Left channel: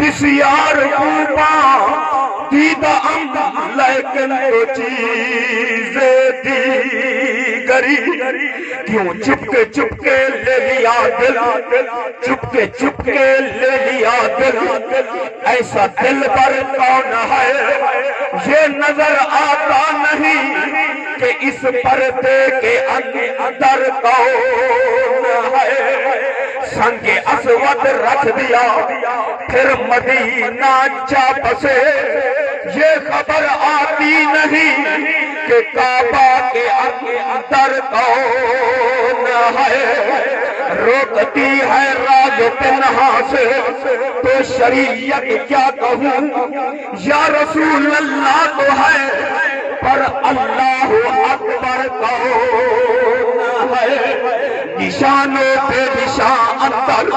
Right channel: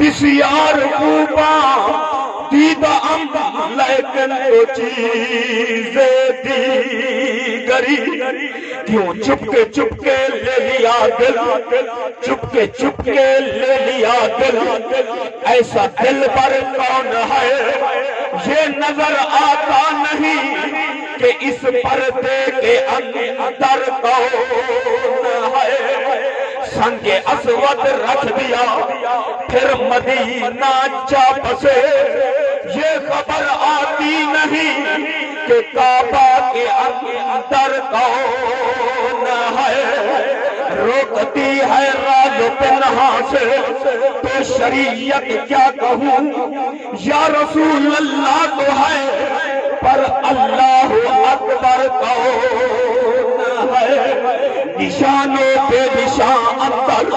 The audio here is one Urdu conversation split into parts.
بسیار خوباں دیدہ لیکن تو چیزیں دیگری کیوں چپ کے لے لیا دل چپ کے لے لیا دل ایسا دل پر کون ہے یہ نظر آتا نہیں کہ اس پردے کے اندر کون ہے سنگ اسود رکھ دیا پھر مدینہ جا بسے یہ خبر آتی نہیں کہ کعبہ کے اندر کون ہے روکتی ہے راز پنہا سے تو شریعت کیا کہوں یا رسول اللہ تو ہے پر اللہ اکبر کون ہے نشانوں پہ نشان اندر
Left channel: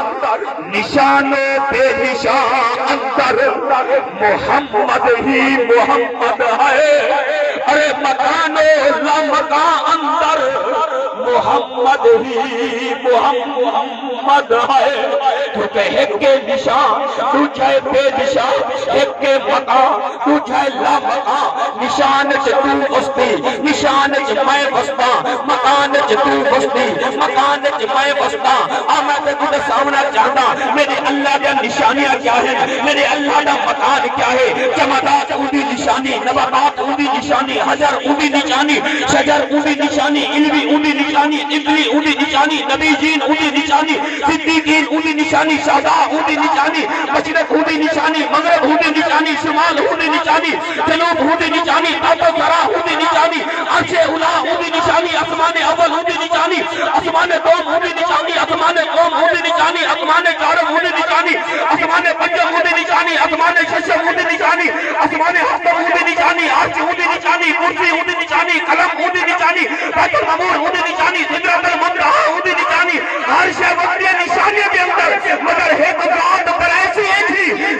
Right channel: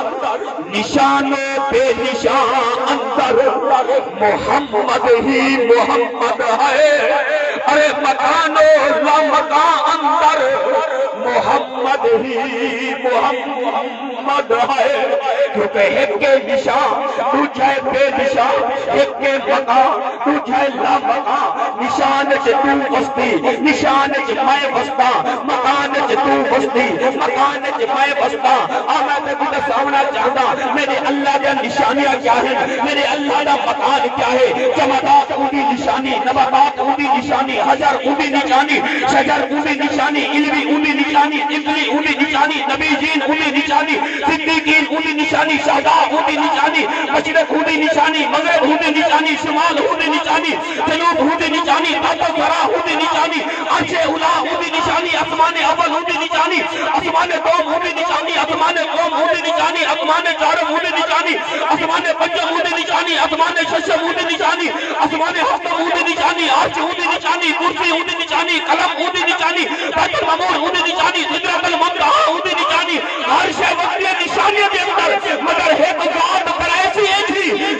نشانوں پہ نشان اندر محمد ہی محمد ہے ارے مکانوں لمکان اندر محمد ہی محمد ہے کیونکہ ایک کے نشان تجھے بے نشان ایک کے مکان تجھے لامکان نشان چ تو بستی نشان چ میں بستا مکان چ تو بستی مکان چ میں بستا آنا تے کچھ سامنا چاہتا میرے اللہ دے نشانیاں کیا ہے میرے اللہ دا مکان کیا ہے جمادات اونی نشانی نباتات اونی نشانی حجر اونی نشانی شجر اونی نشانی علوی اونی نشانی ابلی اونی نشانی نبی جین اونی نشانی صدیقین اونی نشانی شہداء اونی نشانی مشرق اونی نشانی مغرب اونی نشانی شمال اونی نشانی جنوب اونی نشانی تحت سرا اونی نشانی عرش اولا اونی نشانی آسمان اول اونی نشانی آسمان قوم اونی نشانی آسمان قوم اونی نشانی آسمان چارم اونی نشانی آسمان پنجم اونی نشانی آسمان ششم اونی نشانی آسمان ہفتم اونی نشانی عرش اونی نشانی کرسی اونی نشانی قلم اونی نشانی بیت المعمور اونی نشانی سدرۃ المنتہا اونی نشانی ہر شے وقتی نشانیاں دے اندر مگر ایک ذات پر ایسی ہے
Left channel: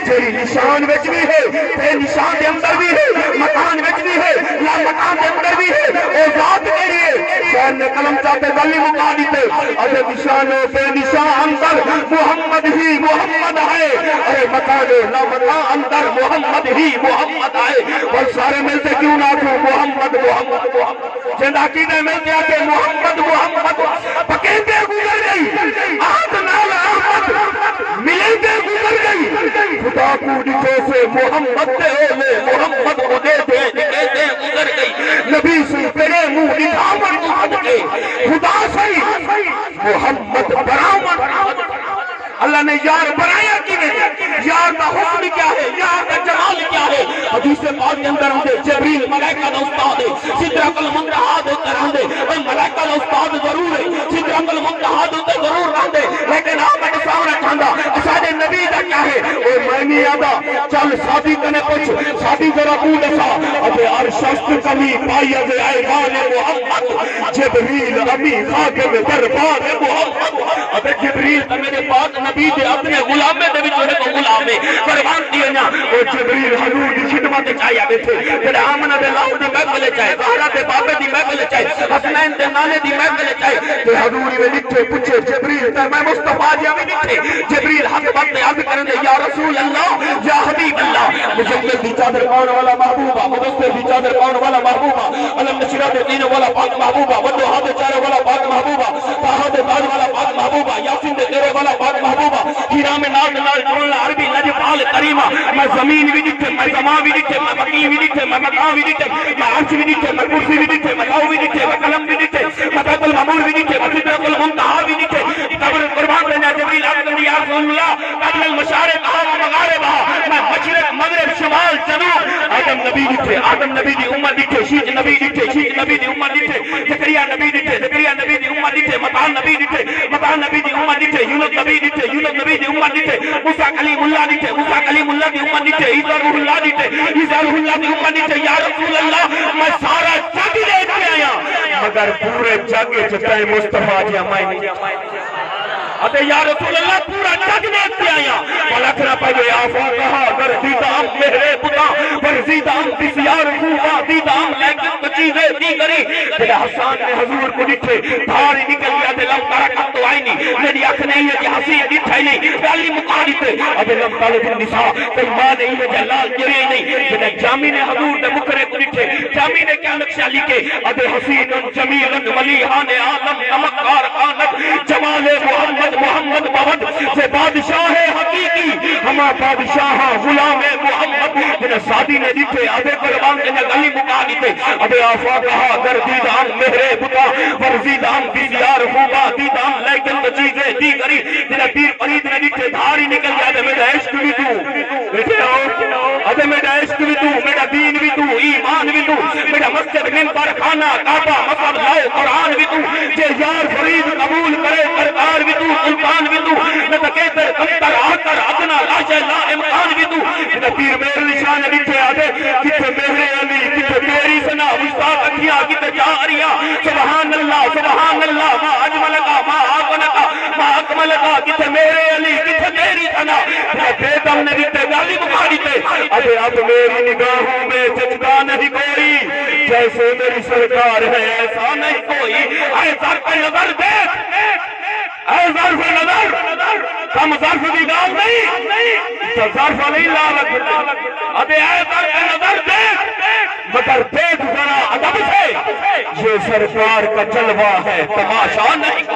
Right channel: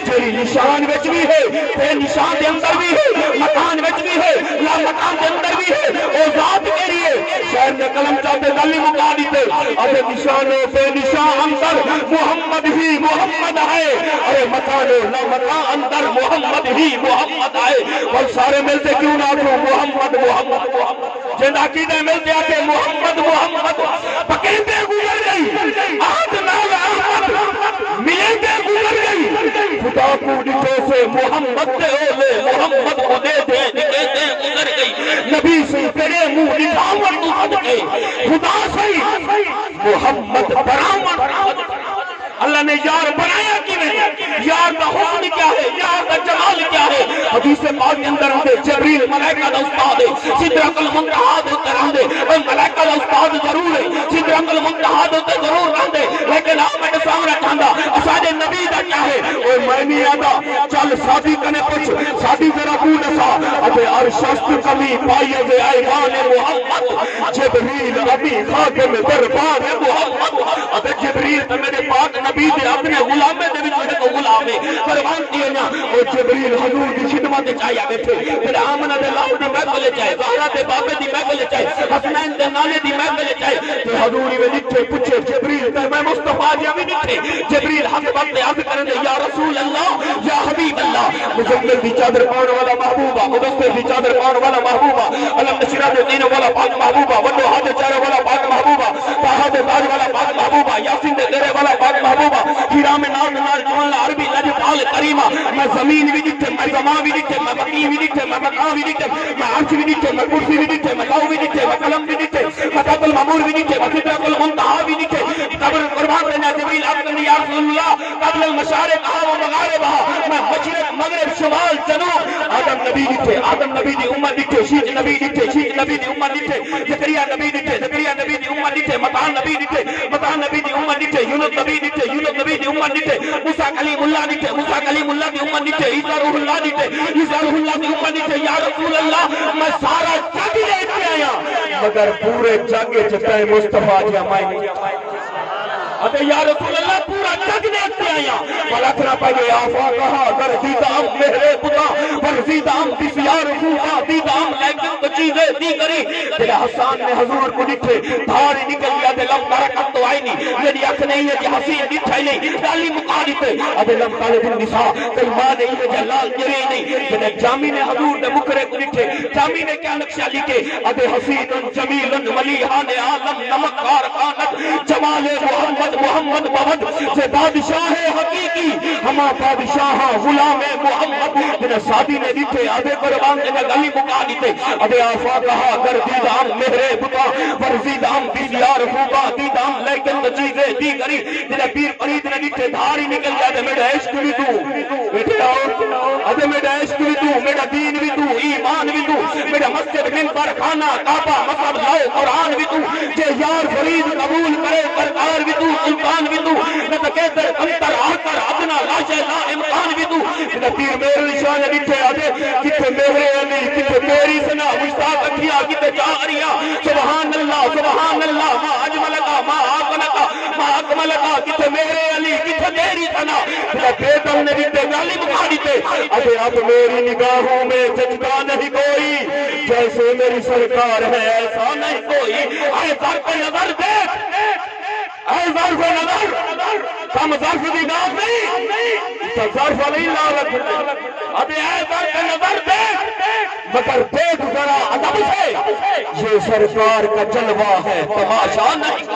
جی نشان وچ بھی ہے بے نشان دے اندر بھی ہے مکان وچ بھی ہے لا مکان دے اندر بھی ہے او ذات کیڑی ہے شہر نے قلم چاہتے گلی مکا دیتے ارے نشان بے نشان اندر محمد ہی محمد ہے ارے مکان لا مکان اندر محمد ہی محمد ہے اور سارے ملتے کیوں نہ کہ محمد محمد جن عقیدے ملتے ہیں کہ محمد محمد پکیندے گزر گئی آج نال احمد ملندے گزر گئی خدا کو ڈٹھے سے محمد دے اولے محمد کو دے دے نکیتے گزر گئی نبی سے تیرے منہ نظامت کو صدقے خدا سے محمد برآمد اللہ نے یار بنایا کی نہیں یار کا حسن کیا ہے یار کا جمال کیا ہے حدیث پاک کے اندر ہوں جبریل ملائکہ دا استاد ہے سدرۃ المنتہا ہوتے رہندے ملائکہ دا استاد ضرور ہے سدرۃ المنتہا ہوتے ضرور رہندے لیکن آپ میرے سامنے کھاندا اساڈے نبی دا کیا ہے او میں نہیں آندا چل شادی کنے پوچھ شادی ذرا تو دسا ابے ارشد کمی پائی دے ایوان محمد جبریل ابھی خاکم دربار محمد ابے جبریل تے میرے پاک نبی دے اپنے غلامے دے وچ کو غلامے قربان دیے نا او جبریل حضور دی خدمت وچ آیا بیٹھے تے آمنہ دے لام دے محفل وچ آئے زہرا دے بابے دی محفل وچ آئے حسنین دے نالے دی محفل وچ آئے تے حضور وی لکھے پوچھے جبریل تے میں مصطفی جی وی لکھے جبریل حق وقت عرض کرنے یا رسول اللہ یا حبیب اللہ مجھے دی چادر پاؤن والا محبوبہ مدثر دی چادر پاؤن والا محبوبہ علم نشرات دین والا پاک محبوبہ ودو ہاتھ چہرے والا پاک محبوبہ طه دے تاج والا پاک محبوبہ یاسین دے تیرے والا پاک محبوبہ ہیرا میں نال جوان عربی لجپال کریمہ میں زمین بھی لکھے میں سما بھی لکھے میں بقی بھی لکھے میں بقا بھی لکھے میں عرش بھی لکھے میں کرسی بھی لکھے میں لو بھی لکھے میں قلم بھی لکھے میں بیت المعمور بھی لکھے میں سدرۃ المنتہا بھی لکھے قبر قربان دینا جبریل اکرم یا رسول اللہ قبل المشارق و مغارب میں مشرق مغرب شمال جنوب آدم نبی لکھے آدم نبی دی امت لکھے شیخ نبی لکھے شیخ نبی دی امت لکھے زکریا نبی لکھے زکریا نبی دی امت لکھے مطاع نبی لکھے مطاع نبی دی امت لکھے یونس نبی لکھے یونس نبی دی امت لکھے موسیٰ کلیم اللہ لکھے موسیٰ کلیم اللہ دی امت لکھے عیسیٰ روح اللہ لکھے عیسیٰ روح اللہ دی امت لکھے یا رسول اللہ میں سارا جگ لے کے آیا مگر پورے جگ چتے مصطفیٰ جی ہمیں نہیں اتے یا رسول اللہ پورا جگ دیکھتے آیا ملکنا پہلے آفا کہا اگر دیدام میرے بتا پر دیدام بسیار خوبا دیدام لیکن کچھ چیزیں دی کری کہ حسان نے حضور کو ڈٹھے دھاری نکل گیا دے لم برکت تو آئی نہیں میری اکھ نہیں ہے کہ حسی ڈٹھائی نہیں گالی مقالی تے اب لم طالب النساء تے ماں نہیں ہے جلال گرے نہیں کہ جامی نے حضور نے مکرے کو ڈٹھے جامی نے کیا نقشہ لکھے اب حسین جمیل ولیحان عالم نمکار خانت جمال محمد محمد محمد سے بادشاہ حقیقی ہما بادشاہ غلام محمد جنہیں سادی نے ڈٹھے اب قربان کے گلی مقالی تے اب آفاقہ گردیدان مہرے بتا ورزیدان بیزیار خوبا دیدان لیکن چیزیں دی کری جنہیں پیر فرید نے ڈٹھے دھاری نکل جائے میرا عشق بھی تو بیٹھے آؤ ادھے میرا عشق بھی تو میرا دین بھی تو ایمان بھی تو میرا مسجد منبر خانہ کعبہ مصحف لاؤ قرآن بھی تو جے یار فرید قبول کرے سرکار بھی تو سلطان بھی تو نہ تکیتر کمتر آکر ادنا لاشے لا امکان بھی تو نہ پیر میرے شان ڈٹھے آدھے کتے میرے علی کتے تیری سنا مستاق اکھیاں کتے جاریا سبحان اللہ ما اجملکا ما آقنکا ما اکملکا کتے میرے علی کتے تیری سنا بیدم نے ڈٹھے گالی بخاری تے ابھی اب میری نگاہوں میں ججدہ نہیں کوئی جیسے میری سرکار ہے ایسا نہیں کوئی اے ظرف نظر دیکھ اے ظرف نظر کم ظرف دی گال نہیں تو ظرف نہیں لالت ابھی اے ظرف نظر دیکھ مگر دیکھ ذرا ادب سے یہ سرکار کا جلوہ ہے تماشا نہیں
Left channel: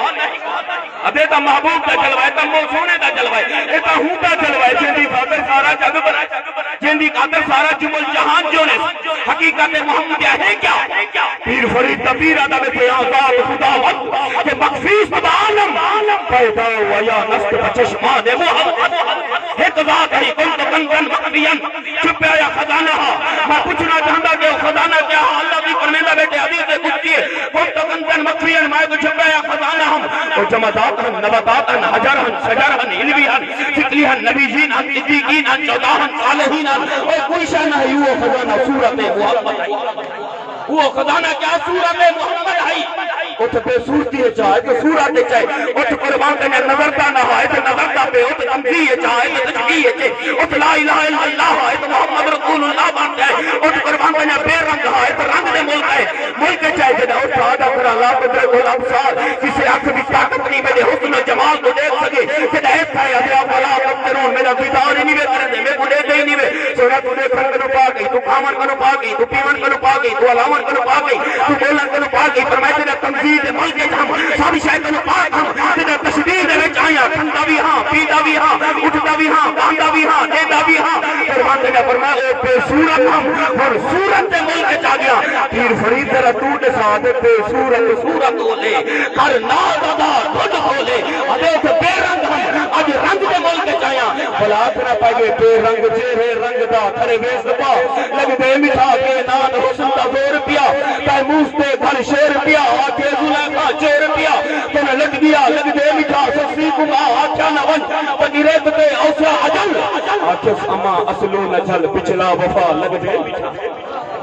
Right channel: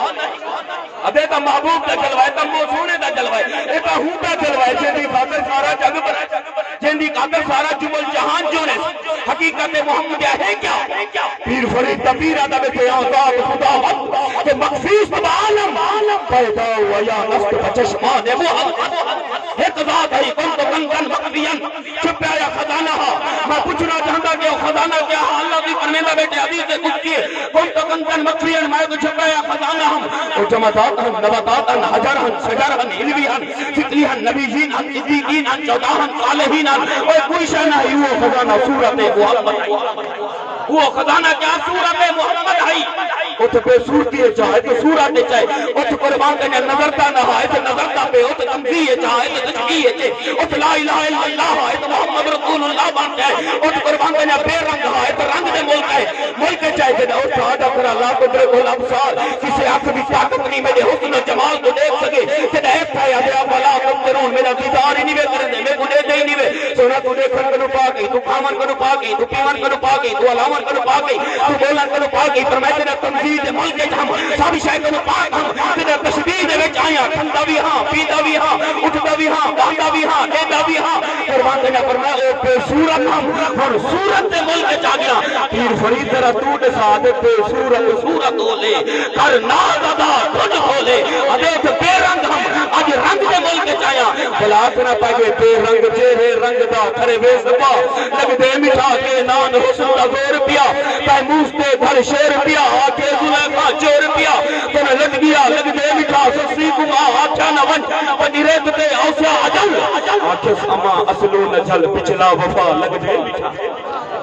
ابھی تو محبوب کا جلوہ ہے تو موسونے کا جلوہ ہے اے تو ہوں کا جلوہ ہے جن دی خاطر سارا جگ بنائے جن دی خاطر سارا جمل جہان جو نے حقیقت محمد ہے کیا پیر فرید تبیر ادب کے آزاد خدا وقت کہ مخفیص بعالم پیدا ویا نست بچشمان محمد ایک ذات ہے کن تو کنجن مقدین چھپ آیا خزانہ میں پوچھنا چاہتا کہ خزانہ کیا اللہ کی پرمیدہ بیٹے حدیث سے کچھ کیے کن تو کنجن مقدین میں کو چھپ آیا خزانہ اور جمعات نباتات حجر شجر علوی فکری نبی جین صدیقین چودہ صالحین اور کوئی شان ہے وہ خزانہ صورت محمد ہے وہ خزانہ کیا صورت محمد ہے اتھ بے صورتی چاہے تو صورت چاہے اتھ قربان کرنے نظرتا نہ ہے تو نظرتا پہ اتھ تمزیہ چاہے تو تشکیہ چاہے اتھ لا الہ الا اللہ ہے تو محمد رسول اللہ بان چاہے اتھ قربان کرنے بے رنگ ہے تو رنگ دے ملک چاہے جنہ اتھ آدھا کرا اللہ کو درے گول ابسار کسی آنکھ بھی طاقت نہیں میرے حسن جمال کو دیکھ سکے جنہ ایسا ہے ابھی آپ اللہ قدرون میرا دیدار ہی نہیں میں کرنے میں کو دے دے ہی نہیں میں سونا تو دیکھن کنو پا گئی تو کھامن کنو پا گئی تو پیون کنو پا گئی تو علامن کنو پا گئی تو بولن کنو پا گئی پر میں تیرا تنظید ملک ہم سابی شاید کنو پا گئی تیرا تشبیر دے وچ آیا کھندا بھی ہاں پیدا بھی ہاں اٹھتا بھی ہاں گاندا بھی ہاں دیدا بھی ہاں قربان کرنا فرمایا بے صورت ہم صورت دے ملک چا گیا پیر فرید تیرا تو دے ساتھ بے صورت ہو لے کر ناز ادا خود ہو لے ادیت بے رنگ ہم آج رنگ دے ملک چایا بلا کرنا پائے گے بے رنگ چہرے رنگ دا کھڑے بے سپا لگ دے مٹھا کے نان حسن دا دور پیا تیموس دے گھر شیر پیا آکے زلیخا چیر پیا تنہ لگ دیا لگ دے مٹھا سسی کما آکھا نون پنیرت دے اوسا عجل آکھس اما اصلو نجل پچھلا وفا لگ دے مٹھا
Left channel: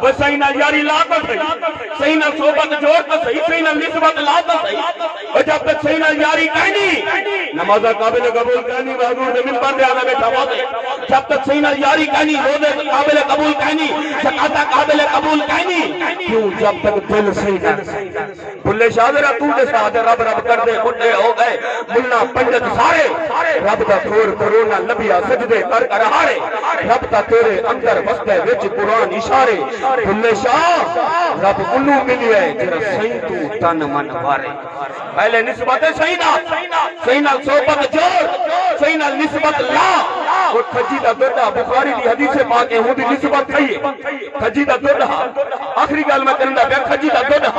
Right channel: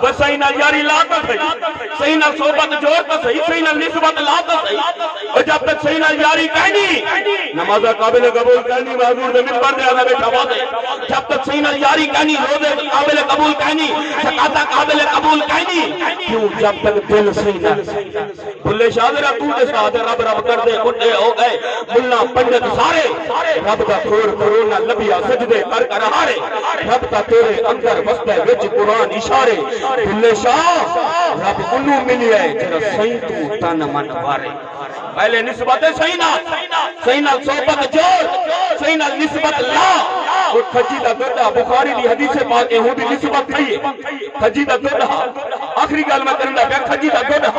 بس صحیح نہ یاری لاتا صحیح صحیح نہ صحبت جوڑ تو صحیح صحیح نہ نسبت لاتا صحیح اور جب تک صحیح نہ یاری کہنی نمازہ قابل قبول کہنی حضور نے ممبر دے آنا بیٹھا بہت ہے جب تک صحیح نہ یاری کہنی روزے قابل قبول کہنی زکاة قابل قبول کہنی کیوں جب تک دل صحیح نہ بھلے شاہدرہ تو دے ساتھ رب رب کر دے خودے ہو گئے ملہ پنڈت سارے رب دا کھور کرونا لبیا سجدے کر کر ہارے رب دا تیرے اندر بستے وچ قرآن اشارے بھلے شاہ رب انہوں ملی ہے جنہ صحیح تو تن من بارے پہلے نسبت صحیح نہ صحبت جوڑ صحیح نہ نسبت لا اور خجیدہ گردہ بخاری دی حدیث پاک ہے ہوں دی نسبت صحیح ہے خجیدہ گردہ آخری گال میں کرندہ پہ خجیدہ گردہ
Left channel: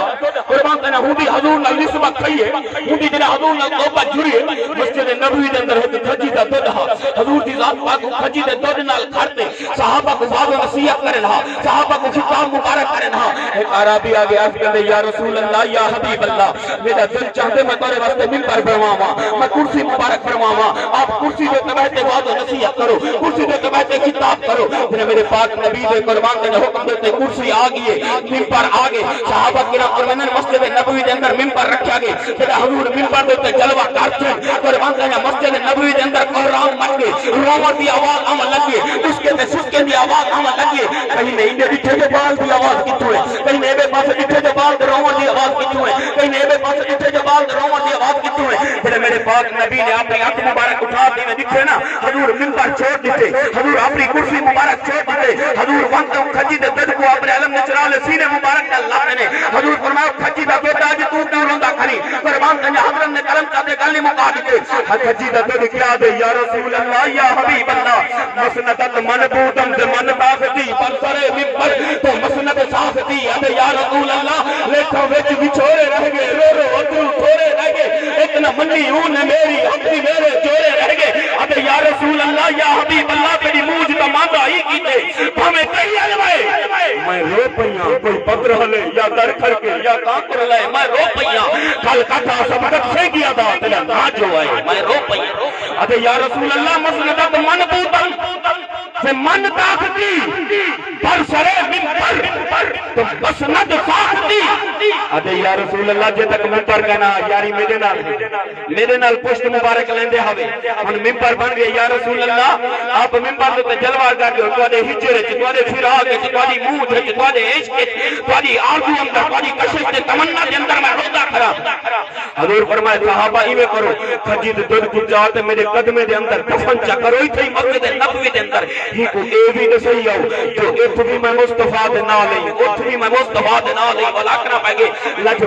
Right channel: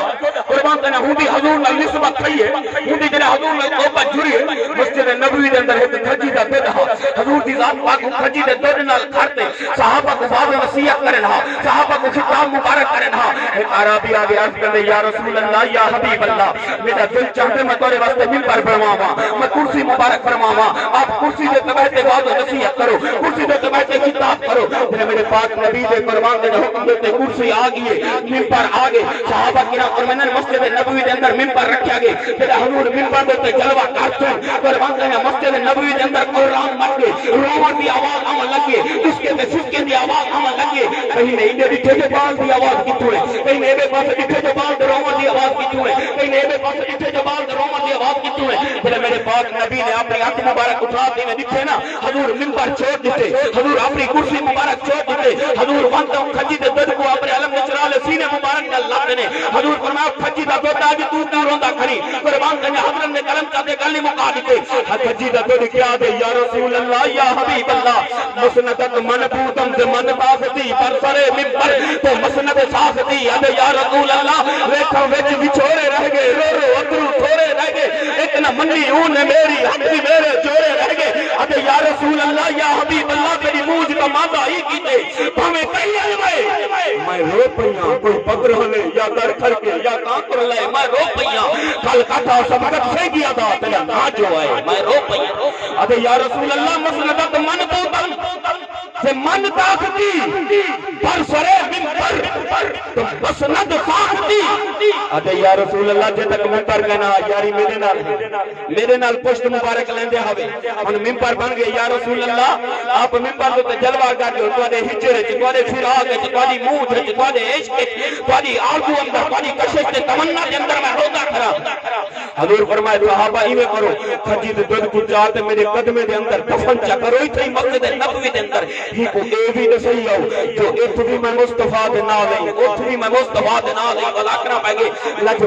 قربان کرنا ہوں دی حضور نال نسبت صحیح ہے ہوں دی جنہ حضور نال صحبت جڑی ہے مسجد نبوی دے اندر ہے خجیدہ گردہ حضور دی ذات پاک کو خجیدہ گردہ نال کھارتے صحابہ کو باب وسیعت کرے رہا صحابہ کو خطاب مبارک کرے رہا ایک عربی آگے عرض کرے یا رسول اللہ یا حبیب اللہ میرا دل چاہتے میں تورے واسطے ممبر فرماواں میں کرسی مبارک فرماواں آپ کرسی دے تبہتے باب نصیحت کرو کرسی دے تبہتے خطاب کرو میرے پاک نبی دے قربان دے حکم دیتے کرسی آگئے ممبر آگے صحابہ کرام اور میں مسجد نبوی دے اندر ممبر رکھا گئے پھر حضور ممبر دیتے جلوہ کرتے قربان دے مسجد نبوی دے اندر قرآن مت گئے رومت دی آواز آمن لگے اس کے تے سسکے دی آواز آمن لگی کہیں میں انہیں ڈٹھے کے بال دی آواز کتوں ہے کہیں میں بے پاس ڈٹھے کے بال درومہ دی آواز کتوں ہے کہیں میں بے پاس ڈٹھے کے بال درومہ دی آواز کتوں ہے جلے میرے پاک نبی نے اپنی آنکھ مبارک اٹھا دی میں دکھے نا حضور منبر چھوڑ دیتے حضور اپنی کرسی مبارک چھوڑ دیتے حضور وقت کھجی دے دل کو اپنے علم نچرال سینے مبارک نے لاتے نے حضور فرمایا کھجی دا بیٹا جی تو کیوں روندا کھڑی قربان کنجا حضرت نے قلم چاہتے گلی مکا دیتے کھجی دا دل کیا دے یا رسول اللہ یا حبیب اللہ مسندت منبودم دے من باستی پر سرے ممبر تو مسند ساستی ابے یا رسول اللہ ویکھو ویچ بچھوڑے رہ گئے رو رو اترو تھوڑے رہ گئے ایک نہ منی اون میری حق بھی میرے جوڑے رہ گئے ابے یا رسول اللہ یا حبیب اللہ تیری موج کا ماندہ ہی کیتے ہمیں کئی علمائے میں رو پہیاں کوئی بدر ہلے یا در کھر کے یا کانکر لے میں رو پہیاں کھل کھٹا سبقت سے کیا دا تیرا نا جو آئے میں رو پہیاں ابے یا رسول اللہ مسندت من بودن سے من طاقتی پر سرے ممبر تو مسند ساختی ادھے یا رسول اللہ جے تک ممبر کہنا یاری میرے نال پشت مبارک لیندے ہوئے ان ممبر بن گئے یا رسول اللہ آپ ممبر تو جلوہ کر دے تو دے ہجر تو دے فراق تو دے موت تو دے عشق تو دے آرزو اندر تو دے کشش تے تمنا دے اندر میں روتا کھڑا حضور فرمائے صحابہ ایویں کرو کھجی دے دودھ کو جاتے میرے قدمے دے اندر دفن چا کرو ہی تھی مسجد نبوی دے اندر ہی کو اے بھی نسائی آؤ جو اتھ بھی میں مصطفیٰ دے نہ لیں اتھ بھی میں مصطفیٰ دے نہ لیں ولاکنا پہ گے لج